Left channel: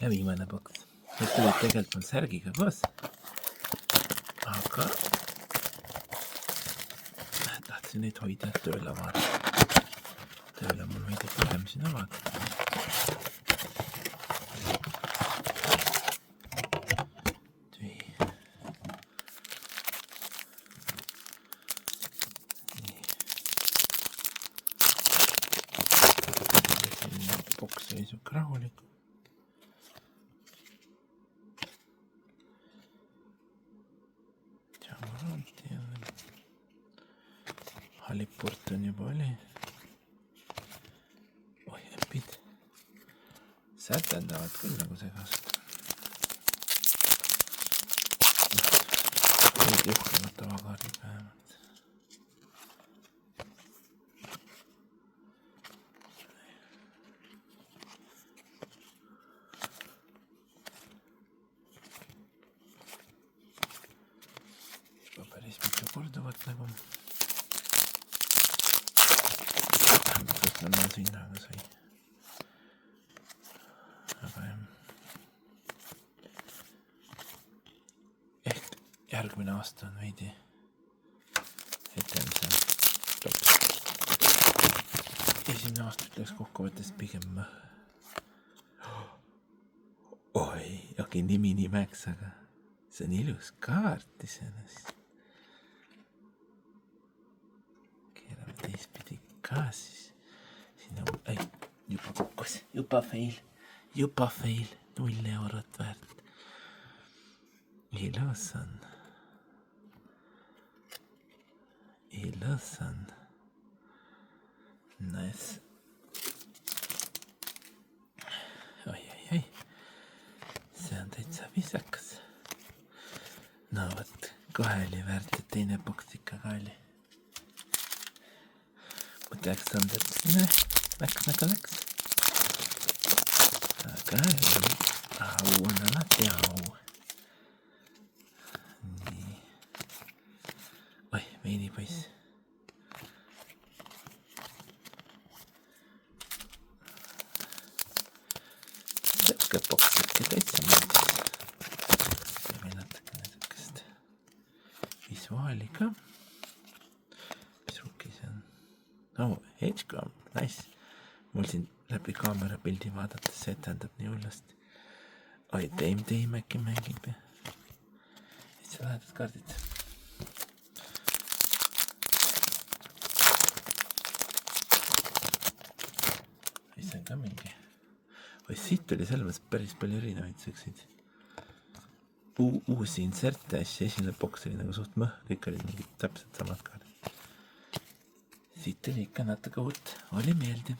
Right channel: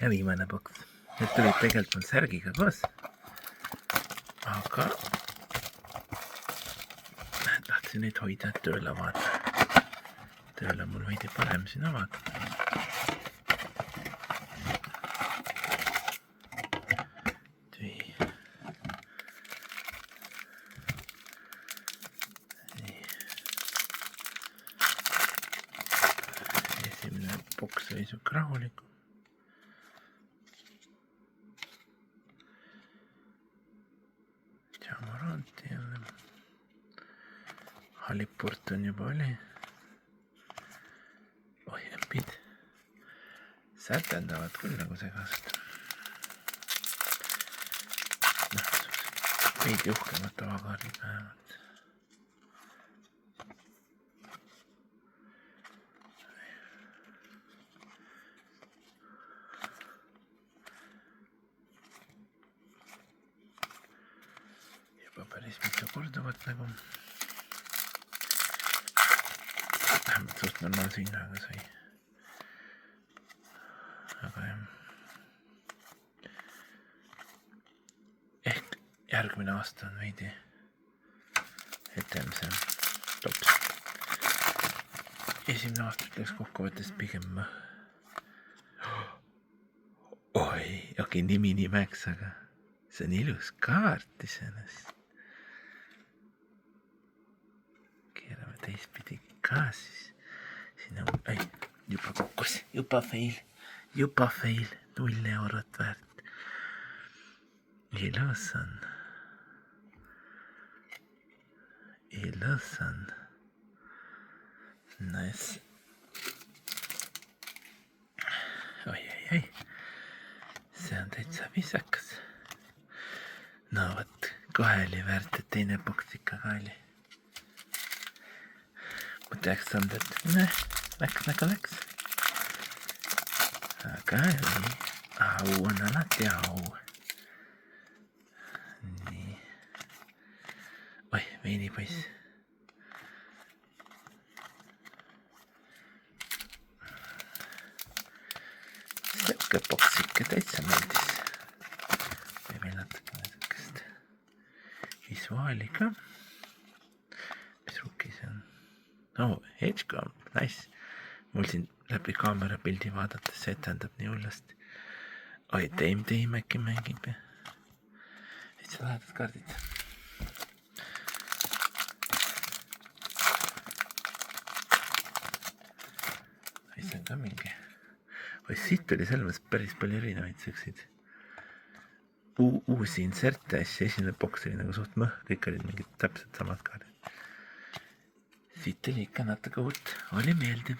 ja viimane boks. Need tulid tegelikult mul särgiga koos. Aga tahtsin neid hoida, et tööle avada. Tööle mul veidi parem siin avada. Esimene boks oli siuke rahulik. Jamaranti jälle. Halipurt on juba oli. Oi, äpid. Sätendavad küll nagu segast. Veidi uhkemad tavakaardid vähemalt. Juba päris mitu korduvat nagu. Vähemalt suht normaalse hinnaga sai. Aga jah. Ehk järgmine aasta on veidi etem see tops. Esimene aasta ütleks kokkuvõttes pigem oi, okei, nimi nimeks, aga see on ilus kaart iseenesest. Keerame teistpidi ka siis. Siin on, ei, juba kukkus, juba fail, 0 eurot väärt. Ilus on. Nice. Oi. See on täitsa viisakas. No võt, kohe oli väärt, et teine boks ikka ka oli. Ma teaks olnud, et läks nagu läks. Aga oli, au on alati au. Nii. Oi, veinipoiss. Siuke boks ikka täitsa meeldis. Teeme natukene siukest visuaali ka. Mis rukki see on? Oh, Edgecomb, nice. Mul siin läbi kaamera pildi vaadates see etendab nii hullast. Oi, Dame äkki mängib. Täitsa lahedad kaardid. Oi, see on ka mingi. Oi, siit oli selles päris palju erinevaid siukseid uusi inserte asja. Esimene boks oli nagu suht mõh, kõik olid mingid täpselt samad kaardid. Siit oli ikka natuke uut, oli meeldiv.